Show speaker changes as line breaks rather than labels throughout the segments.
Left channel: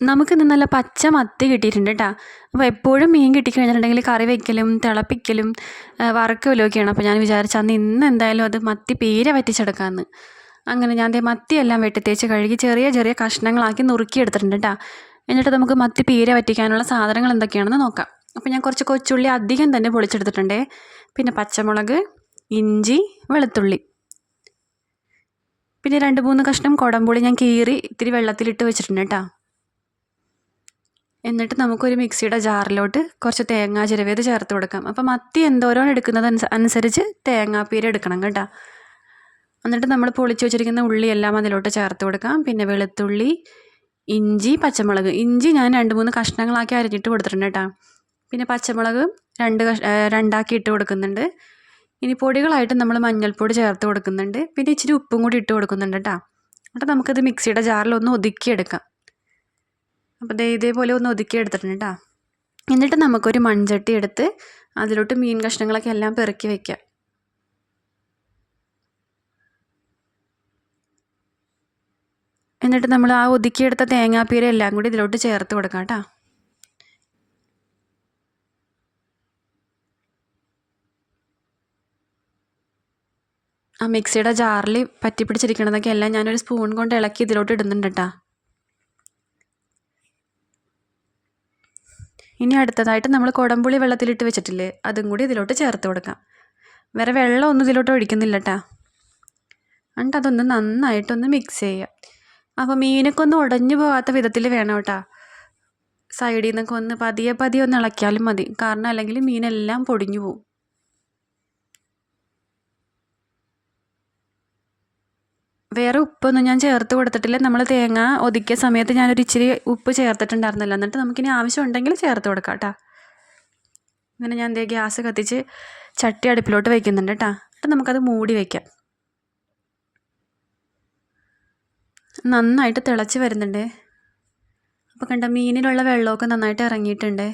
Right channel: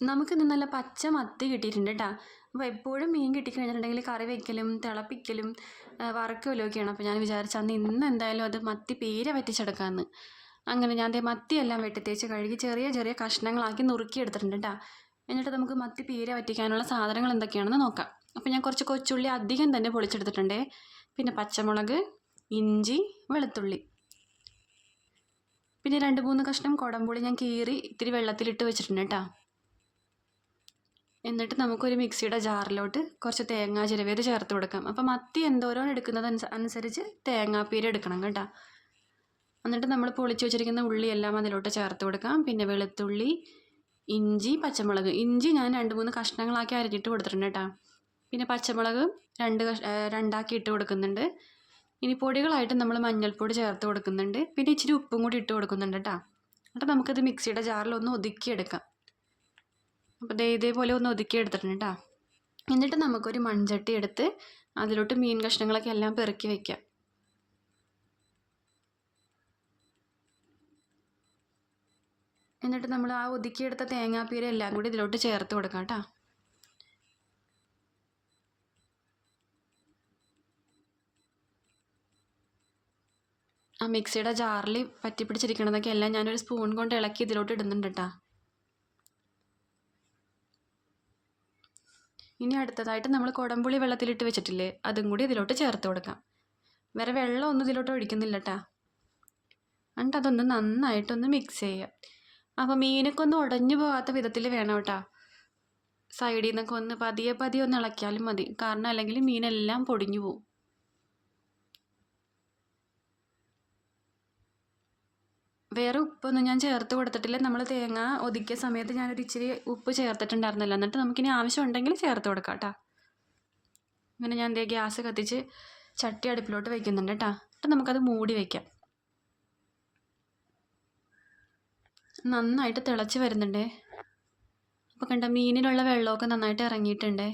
നമുക്കിന്ന് നല്ല പച്ച മത്തി കിട്ടിയിട്ടുണ്ട് കേട്ടോ അപ്പോൾ എപ്പോഴും മീൻ കിട്ടിക്കഴിഞ്ഞിട്ടുണ്ടെങ്കിൽ കറി വയ്ക്കലും തിളപ്പിക്കലും വറക്കലും ഒക്കെയാണ് അപ്പോൾ ഞാൻ വിചാരിച്ച അന്ന് ഇന്ന് എന്തായാലും അത് മത്തി പീര വറ്റിച്ചെടുക്കാമെന്ന് അങ്ങനെ ഞാൻ മത്തിയെല്ലാം വെട്ടിത്തേച്ച് കഴുകി ചെറിയ ചെറിയ കഷ്ണങ്ങളാക്കി നുറുക്കിയെടുത്തിട്ടുണ്ട് കേട്ടോ എന്നിട്ട് നമുക്ക് മത്തി പീര വറ്റിക്കാനുള്ള സാധനങ്ങൾ എന്തൊക്കെയാണെന്ന് നോക്കാം. അപ്പോൾ ഞാൻ കുറച്ച് കൊച്ചുള്ളി അധികം തന്നെ പൊളിച്ചെടുത്തിട്ടുണ്ട്. പിന്നെ പച്ചമുളക് ഇഞ്ചി വെളുത്തുള്ളി. പിന്നെ രണ്ട് മൂന്ന് കഷ്ണം കുടംപുളി ഞാൻ കീറി ഇത്തിരി വെള്ളത്തിലിട്ട് വെച്ചിട്ടുണ്ട് കേട്ടോ എന്നിട്ട് നമുക്കൊരു മിക്സിയുടെ ജാറിലോട്ട് കുറച്ച് തേങ്ങാ ചിരവേത് ചേർത്ത് കൊടുക്കാം. അപ്പം മത്തി എന്തോരം എടുക്കുന്നത് അനുസരിച്ച് തേങ്ങാപ്പീര എടുക്കണം കേട്ടോ. എന്നിട്ട് നമ്മൾ പൊളിച്ച് വെച്ചിരിക്കുന്ന ഉള്ളിയെല്ലാം അതിലോട്ട് ചേർത്ത് കൊടുക്കാം. പിന്നെ വെളുത്തുള്ളി ഇഞ്ചി പച്ചമുളക്. ഇഞ്ചി ഞാൻ രണ്ട് മൂന്ന് കഷ്ണങ്ങളാക്കി അരിഞ്ഞിട്ട് കൊടുത്തിട്ടുണ്ട് കേട്ടോ. പിന്നെ പച്ചമുളക് രണ്ട് കഷ് രണ്ടാക്കി ഇട്ട് കൊടുക്കുന്നുണ്ട്. ഇനി പൊടികളായിട്ട് നമ്മൾ മഞ്ഞൾപ്പൊടി ചേർത്ത് കൊടുക്കുന്നുണ്ട്. പിന്നെ ഇച്ചിരി ഉപ്പും കൂടി ഇട്ട് കൊടുക്കുന്നുണ്ട് കേട്ടോ. എന്നിട്ട് നമുക്കത് മിക്സിയുടെ ജാറിൽ ഒന്ന് ഒതുക്കിയെടുക്കാം. അപ്പോൾ ദേ ഇതേപോലെ ഒന്ന് ഒതുക്കി എടുത്തിട്ടുണ്ട് കേട്ടോ എന്നിട്ട് നമുക്കൊരു മൺചട്ടി എടുത്ത് അതിലോട്ട് മീൻ കഷ്ണങ്ങളൊക്കെ എല്ലാം പെറുക്കി വയ്ക്കാം എന്നിട്ട് നമ്മൾ ആ ഒതുക്കിയെടുത്ത തേങ്ങാപ്പീര എല്ലാം കൂടി ഇതിലോട്ട് ചേർത്ത് കൊടുക്കാം കേട്ടോ ആ മിക്സിയുടെ ജാറിൽ പറ്റി പിടിച്ചിരിക്കണതൊക്കെ എല്ലാം ഞാനൊരു സ്പൂൺ കൊണ്ട് ഇളക്കി ഇതിലോട്ട് ഇടുന്നുണ്ട് കേട്ടോ ഇനി അടുത്തതായിട്ട് നമ്മൾ കുടംപുളി വെള്ളത്തിലിട്ട് വെച്ചിട്ടില്ലേ അതും കൂടി ഇതിലോട്ട് ചേർത്ത് കൊടുക്കാം. വേറെ വെള്ളമൊന്നും ഇതിലോട്ട് ഒഴിക്കുന്നില്ല കേട്ടോ എന്നിട്ട് അതൊന്ന് നന്നായിട്ടൊന്ന് മിക്സ് ചെയ്യാം. അപ്പോൾ മീനൊക്കെ ഒന്ന് ഉടഞ്ഞു പോകാത്ത വിധത്തിൽ വേണം കേട്ടോ. സൈഡിൽ നിന്നൊക്കെ ഒന്ന് പതിയെ പതിയെ ഒന്ന് ഇളക്കിയാലും മതി. കാരണം അല്ലെങ്കിൽ മീനെല്ലാം പൊടിഞ്ഞു പോകും വേറെ ഉപ്പൊന്നും ഞാൻ ചേർത്ത് കൊടുത്തിട്ടില്ല. നമ്മൾ തേങ്ങ ഒതുക്കിയ സമയത്ത് ഞാനൊരു ഇച്ചിരി ഉപ്പ് ചേർത്തിട്ടുണ്ടായിരുന്നല്ലോ. എന്നിട്ട് നമുക്കിനി ആവശ്യമുണ്ടെങ്കിൽ ചേർത്ത് കൊടുക്കാം കേട്ടോ അങ്ങനെ ഞാൻ ദേ ഗ്യാസ് കത്തിച്ച് ചട്ടി അടുപ്പിലോട്ട് വയ്ക്കുന്നുണ്ട് കേട്ടോ എന്നിട്ട് നമുക്കത് മൂടി വയ്ക്കാം നന്നായിട്ട് തിളച്ച് വരുന്നുണ്ട്. അപ്പോൾ കണ്ട മീനിലുള്ള വെള്ളമൊക്കെ നന്നായിട്ട് ഇറങ്ങിയിട്ടുണ്ട്.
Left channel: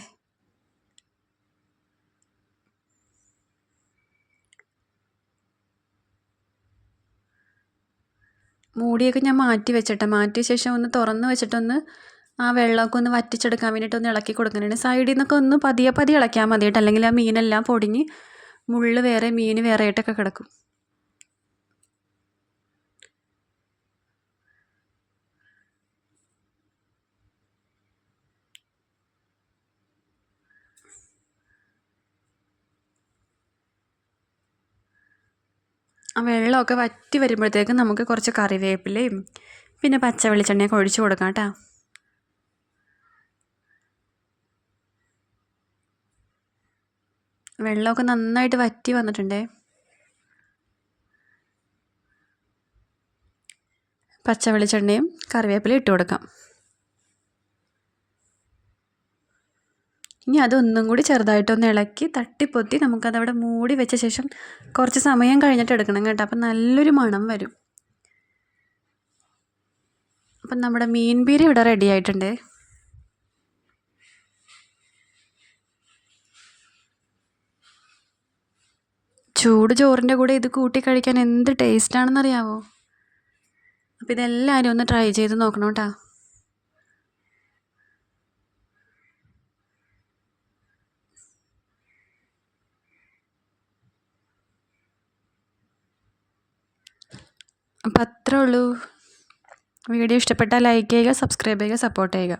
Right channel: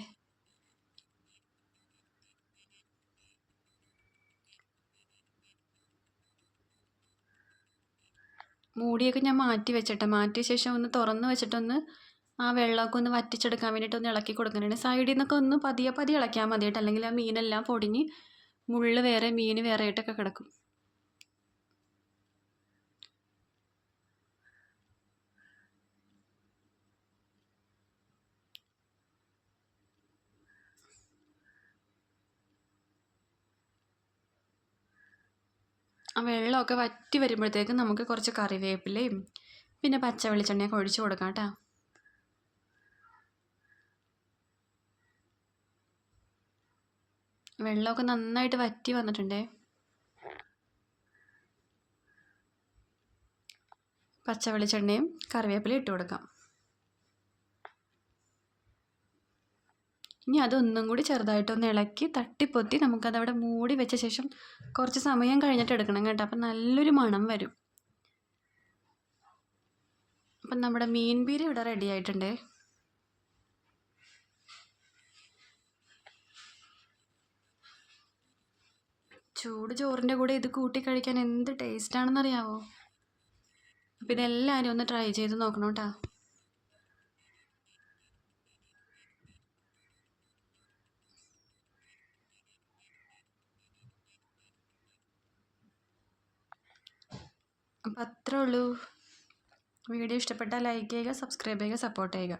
മൂടിയൊക്കെ ഞാൻ മാറ്റി വെച്ചിട്ട്. മാറ്റിയ ശേഷം ഒന്ന് തുറന്ന് വെച്ചിട്ടൊന്ന് ആ വെള്ളമൊക്കെ ഒന്ന് വറ്റിച്ചെടുക്കാൻ വേണ്ടിയിട്ട് ഒന്ന് ഇളക്കി കൊടുക്കുന്നുണ്ട് സൈഡിൽ നിന്നൊക്കെ ഒന്ന് പതിയെ പതിയെ ഇളക്കിയാൽ മതി കേട്ടോ അല്ലെങ്കിൽ ആ മീനെല്ലാം പൊടിഞ്ഞ് മുള്ള് വേറെ മീൻ വേറെ ആയിട്ടൊക്കെ കിടക്കും. ആ വെള്ളമൊക്കെ വറ്റി വരുമ്പോഴത്തേക്ക് നമുക്ക് കുറച്ച് കറിവേപ്പിലയും പിന്നെ പച്ച വെളിച്ചെണ്ണയൊക്കെ ഒഴിച്ച് കൊടുക്കാം കേട്ടോ. വെള്ളമൊക്കെ നന്നായിട്ട് വറ്റി വന്നിട്ടുണ്ടേ. പച്ച വെളിച്ചെണ്ണയും കറിവേപ്പിലയും ഇട്ട് കൊടുക്കാം. ഇനി അതൊന്നും കൂടി ചെറുതായിട്ടൊന്ന് ഇളക്കി തട്ടിപ്പൊത്തി നമുക്കതവിടെ മൂടി വെച്ച ശേഷം കുറച്ച് സമയം കഴിഞ്ഞിട്ട് എടുക്കണം കേട്ടോ. അപ്പം നല്ലൊരു മണം വരും. അപ്പം നമ്മുടെ മീൻ ബീരി ഇവിടെ റെഡി ആയിട്ടുണ്ട്. ചൂട് ചോറിന്റെ കൂടെ ഇത് കൂട്ടി കഴിക്കാൻ എന്ത് ടേസ്റ്റാണെന്നറിയാവോ അപ്പം ഇതെല്ലാവരും ഒന്ന് ട്രൈ ചെയ്ത് നോക്കണം കേട്ടോ. അപ്പം അത്രേ ഉള്ളൂ. വീഡിയോ ഇഷ്ടപ്പെട്ടാൽ ലൈക്ക് ചെയ്യുക സബ്സ്ക്രൈബ് ചെയ്യുക സപ്പോർട്ട് ചെയ്യുക.